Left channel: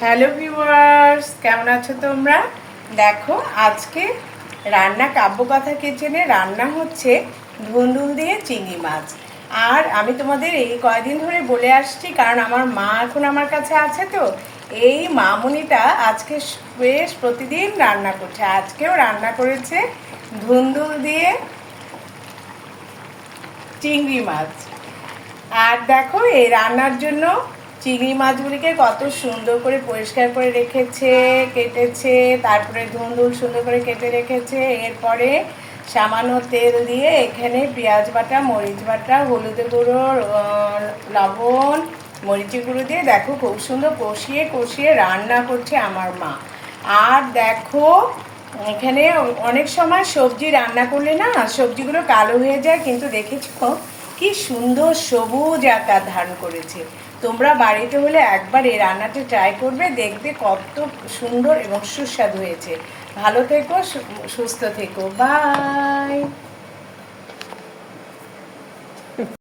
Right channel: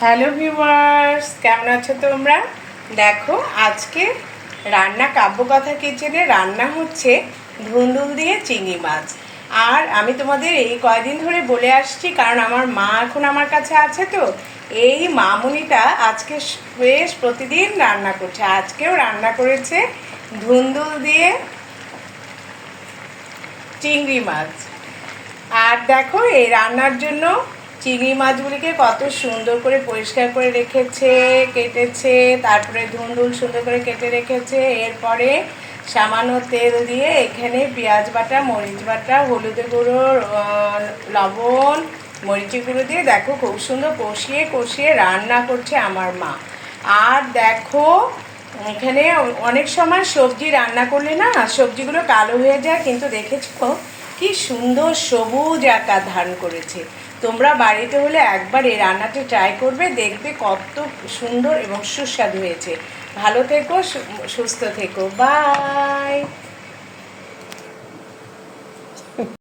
Hello viewers, কেমন আছো তোমরা? দেখো, আজকে রান্না কাব্যকথা কিচেনে রান্না হচ্ছে ধুন্দুল দিয়ে চিংড়ি মাছ। আর আমি তোমাদের এই কয়দিন ধরে বলে আসছি, কারণ আমার মা এখন আমার কাছে আছে, তো এই মামুনিটা আজকে বেশ প্রতিদিন রান্না করছে। আজকেও রান্না করেছে ধুন্দুল দিয়ে চিংড়ি মাছ। আর দেখো, এই রান্নার জন্য চিংড়ি মাছগুলিকে কত সুন্দর করে পরিষ্কার করে রেখেছে, কেটেছে, তারপরে ধুন্দুল সুন্দর করে কেটে রেখেছে। এরপরে সামান্য তেল দিয়ে এখানে পেঁয়াজ বাটা, মরিচ বাটা, হলুদের গুঁড়ো, লবণ, মরিচের গুঁড়ো দিয়ে দেখো খুব সুন্দর কষিয়ে কষিয়ে রান্না করছে আমার মা। আর দেখো, এখানে অনেক সময় সবজি রান্না করলে না সবজিগুলো কালো হয়ে যায়, কিন্তু দেখেছো কি সুন্দর সবুজ আকার ধারণ করেছে। তোমরা বাড়িতে হলে একবার এই রান্নাটি ট্রাই করবে, দেখবে কত সুন্দর এবং সুস্বাদু হয়েছে। ভালো থেকো, সুস্থ থেকো, বাই।